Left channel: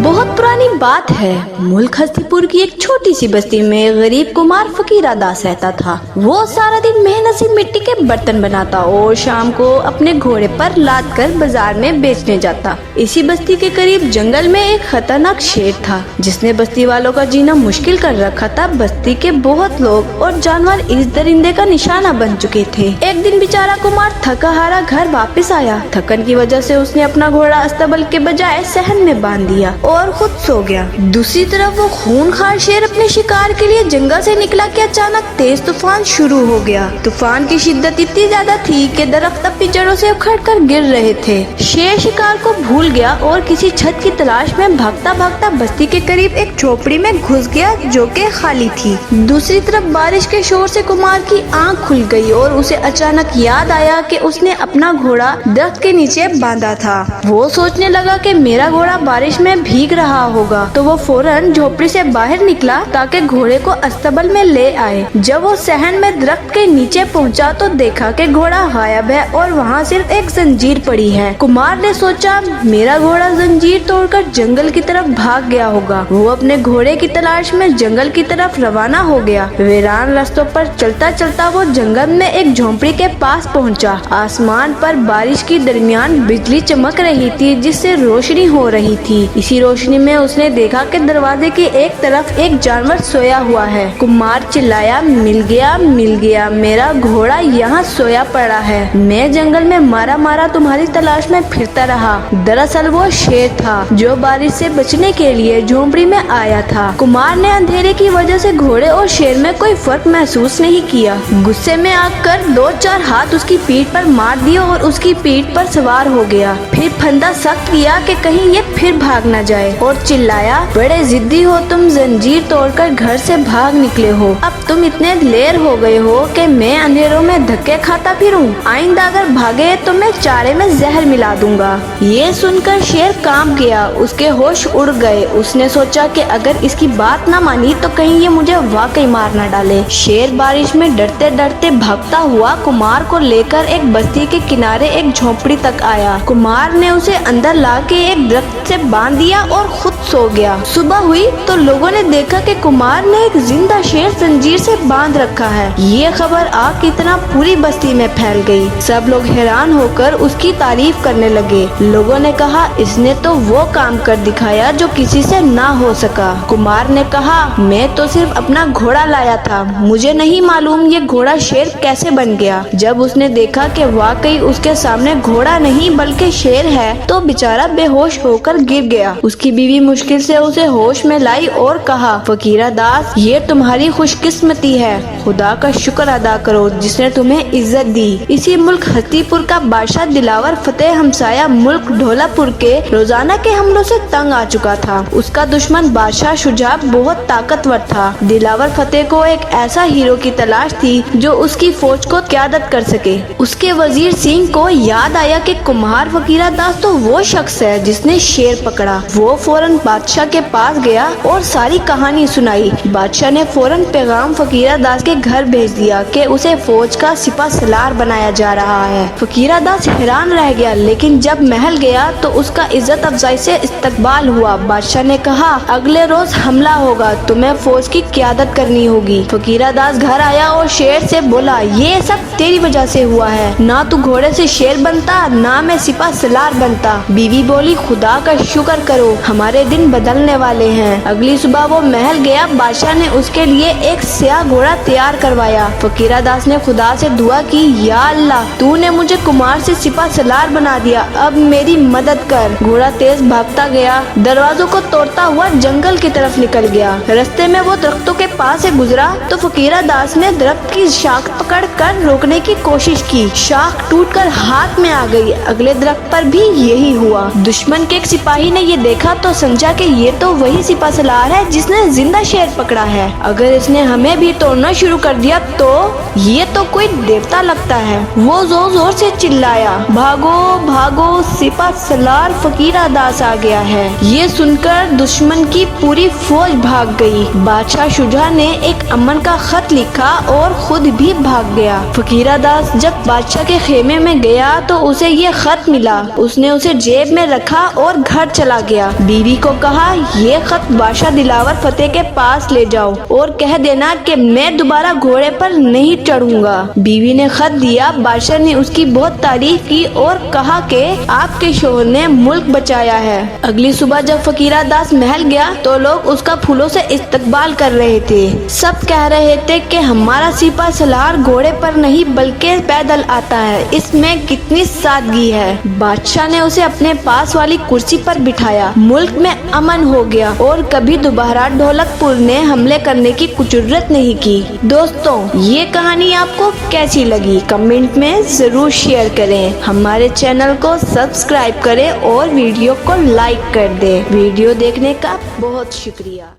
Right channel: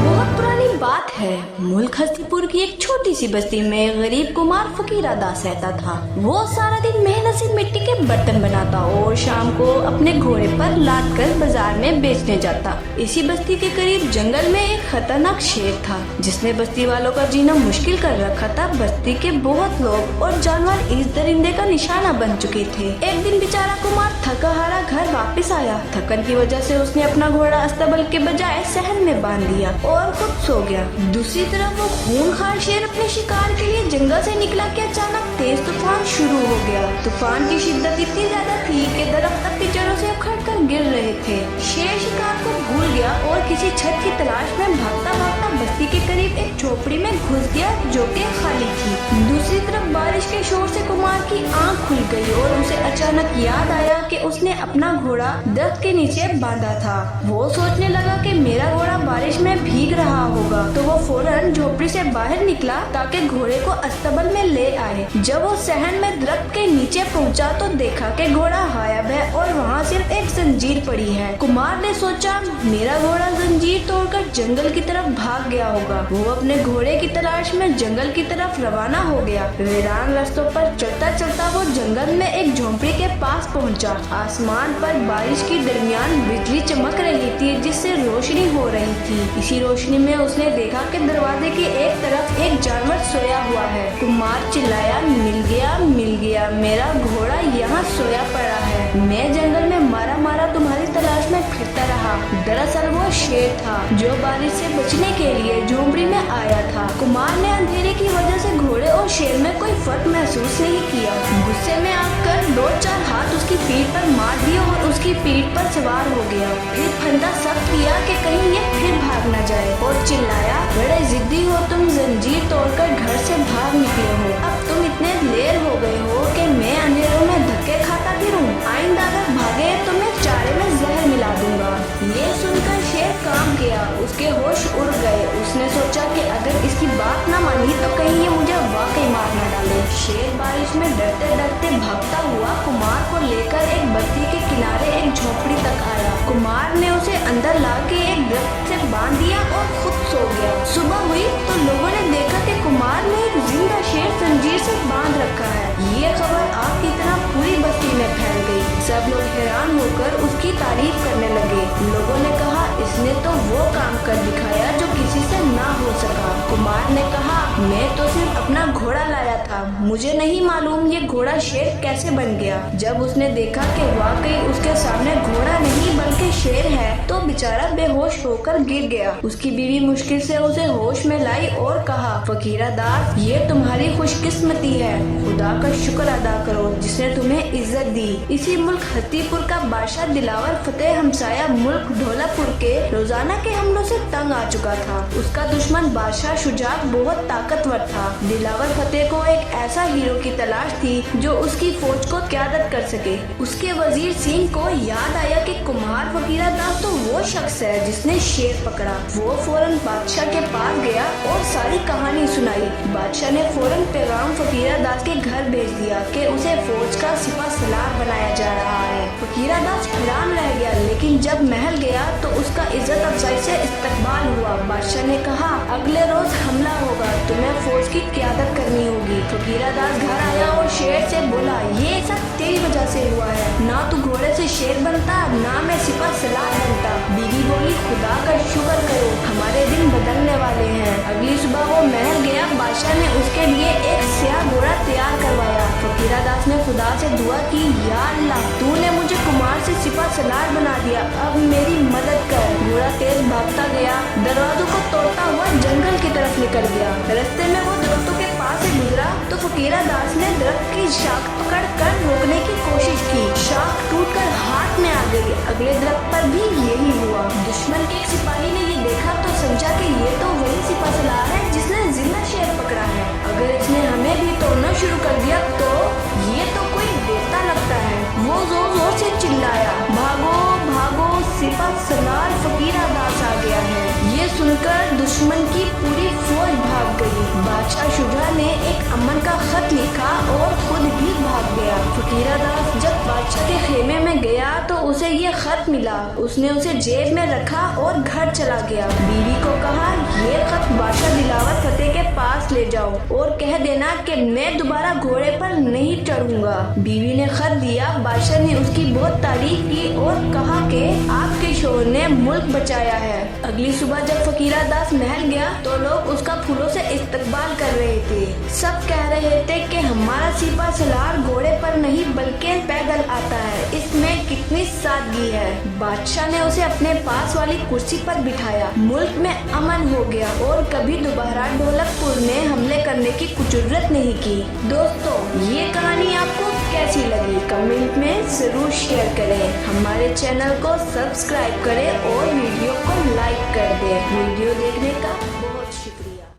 बहुत पुरानी बात है। मुल्क हस्तीपुर की एक छोटी सी बस्ती में गरीब कुमार फकीरा दास रहता था। वो सारा दिन मेहनत से मिट्टी के बर्तन बनाता और शाम को अपने घोड़े पर लाद कर बाजार में बेचने जाता। इसी बस्ती के करीब जंगल में एक खतरनाक शेर था जिसने बस्ती वालों का जीना मुश्किल कर रखा था। बस्ती के बहुत लोग और जानवर इस दरिंदे का निशाना बन चुके थे। एक दिन बेचारा कुमार थका हारा घर वापस आया। थकन की वजह से उसने अपना घोड़ा अस्तबल के बजाय सहन में बांध दिया और खुद सो गया। दूसरी तरफ वो खूंखार शेर अपने शिकार के लिए जंगल से निकला कि अचानक तेज तूफान शुरू हो गया। तूफान की शिद्दत इतनी ज्यादा थी कि दरख्त अपनी जड़ों से उखड़कर गिर रहे थे। शेर शिकार को भूल गया और किसी छत की तलाश में भागता भागता बस्ती के करीब एक झोपड़ी में घुस गया जो कि खाली थी। दूसरी तरफ बारिश के शोर से कुमार की आंख खुल गई और उसे अचानक याद आया कि उसने अपना घोड़ा दरख्त के नीचे बांधा था। वो सोचने लगा कि मेरा घोड़ा बारिश में भीग रहा होगा, तो वो फौरन झोपड़ी से बाहर निकला ताकि घोड़े को अस्तबल में ले आए। जब वो सहन में दरख्त के नीचे पहुंचा तो देखा कि घोड़ा गायब है और वहाँ सिर्फ एक जंजीर पड़ी है। कुमार ने सोचा मेरा घोड़ा जंजीर तोड़कर जंगल की तरफ भाग गया होगा। वो अपने घोड़े की तलाश में जंगल की तरफ रवाना हो गया। वीरान रास्तों पर चलता चलता वो जंगल में एक झोंपड़ी के पास पहुंचा। आसमान पर बारिश के दरमियान बिजली चमक रही थी जिससे रोशनी हो रही थी। इसी रोशनी में उसने देखा कि दरवाजे की एक तरफ एक जानवर सोया हुआ है। कुमार चिल्लाया, मिल गया, मेरा घोड़ा यहाँ सोया पड़ा है। मैं जंगल में मारा मारा तुम्हारी तलाश में फिरता रहा। दरअसल वो शेर था जो बारिश से बचने के लिए झोंपड़ी में आया था। कुमार ने अंधेरे की वजह से घोड़े और शेर में कोई फर्क महसूस नहीं किया। गुस्से में आकर 2-4 हाथ उसकी पीठ पर मार दिए और उसकी पीठ पर सवार हो गया। फिर फंदा सख्त किया कि कहीं ये फिर भाग न जाए और चिल्लाया, बड़े जिद्दी हो तुम, जंजीर तोड़कर घर से भाग निकले हो। अब तुम इतने लेर हो गए हो कि मैं अंधेरों में धक्के खाता फिरूं। आइंदा अगर भागे तो मैं चारे में जहर मिला दूंगा। ये सुनकर शेर कांप गया, उसके होश उड़ गए। उसने सोचा कि अगर इसकी बात न मानी तो कहीं ये मुझे वाकई मार न डाले। शेर बारिश में डरते डरते भागता हुआ कुमार को लेकर एक बस्ती के किनारे एक झोपड़ी तक आया। कुमार ने उसे अंदर लाके एक दरख्त से बांध दिया और खुद सो गया। सुबह हुई तो लोगों ने देखा कि कुमार ने एक जिंदा शेर जंजीर से बांध रखा है। ये खबर आग की तरह पूरी बस्ती में फैल गई। सब लोग हैरान होकर उसकी तारीफ करने लगे। लोगों ने कहा, इसने तो वो काम कर दिखाया जो किसी से ना हो सका। कुमार ने कहा, मैं तो सिर्फ अपना घोड़ा लाया था, मुझे नहीं मालूम ये घोड़ा शेर कैसे बन गया। जब उसने देखा कि वाकई उसके सामने घोड़ा नहीं बल्कि शेर है तो बेचारा बेहोश होकर गिर गया। उसकी बीवी मुश्किल से उसे होश में लाई और कहा, फकीरा दास, ये तुम्हारी खुशकिस्मती है। खुदा का शुक्र अदा करो जिसने तुम्हें इज्जत दी। इसी मुल्क हस्तीपुर का बादशाह दिलावर फतेह हमसाया मुल्क ढोलापुर के रोजाना के हमलों से तंग आ चुका था। उसका दुश्मन बादशाह शुजा बहुत ताकतवर था। दिलावर फतेह को एक ऐसा हीरो की तलाश थी जो उसकी फौज को क़यादत कर सके। उसके वजीर सिंह को याद आया कि कुमार फकीरा दास तो वो शख्स है जिसने शेर पकड़ा। वो फौरन बादशाह के पास गया और सारी कहानी सुनाई। बादशाह ने फौरन पैगाम फकीरा दास के घर भेज दिया कि उसे फौज का सिपा सलार बनाया जा रहा है। फकीरा दास हैरान रह गया, लेकिन जब महल गया तो उसका इज्जत अफजाई से इस्तकबाल हुआ। बादशाह ने कहा, अगले रोज हमला होगा, तुम्हें फौज की क़यादत करनी होगी। फकीरा दास घर आया और शेर से बोला, ये सब तेरी वजह से हुआ है। ना तू घोड़े से शेर बनता, ना मैं सिपा सलार बनता। बीवी बोली, खुदा का शुक्र करो, हमारे दिन बदलने वाले हैं। अगली सुबह वो महल गया। बादशाह ने उसके लिए एक स्याह घोड़ा तैयार करवाया। फकीरा दास ने खुदा से दुआ की, या अल्लाह, तूने मुझे कुमार से सिपा सलार बना दिया, अब मेरी मदद कर। घोड़ा तेज भागता गया, दरवाजों को तोड़ता हुआ जंगल की तरफ निकल गया। रास्ते में वो दरख्तों के पास से गुजरा तो फकीरा दास ने दरख्त की शाख पकड़ कर रोकने की कोशिश की। शाख टूटकर हाथ में आ गई। अगले दरख्त पर भी यही हुआ। दुश्मन के एक सिपाही ने ये देखा तो समझा कि ये तो वही सिपा सलार है जिसने जिंदा शेर पकड़ा है। अगर इसने हमें भी तोड़ना शुरू कर दिया तो ये तो कोई देवता लगता है। वो जोर जोर से चिल्लाया, भागो भागो। भागो, सिपा सलार फकीरा दास आ गया है। ये सुनकर दुश्मन की पूरी फौज भाग गई। बादशाह शुजा ने एक अमन का खत लिखा और खुद भी भाग गया। फकीरा दास जब बादशाह के खेमे में गया तो उसे ये खत मिला। उसने उसे जेब में रखा और घर चला गया। बीवी को कहा, ये खत बादशाह दिलावर फतेह के पास ले जाओ और कह देना कि मैं दोबारा घोड़े पर नहीं चढ़ूंगा। बीवी ने खत दिया। बादशाह ने उसकी बहुत तारीफ की और कहा कि आपके शोहर ने मुल्क बचाया है। अगली सुबह जब फकीरा दास महल गया तो लोग उसका फूलों से इस्तकबाल कर रहे थे। सब कह रहे थे कि हमारा सिपा सलार घोड़े पर नहीं बल्कि पैदल आता है, इसमें कितनी सादगी है। बादशाह ने उसे अपने पास वाली कुर्सी पर बिठाया। मुल्क में अमन हो गया और कभी दोबारा ढोलकपुर ने हमले करने की कुछ जरूरत नहीं की। दोस्तों, ये कहानी आपको कैसी लगी कमेंट में जरूर शेयर करें। हमारे चैनल को सब्सक्राइब करें और वीडियो को लाइक कर दें। वीडियो देखने का बहुत शुक्रिया।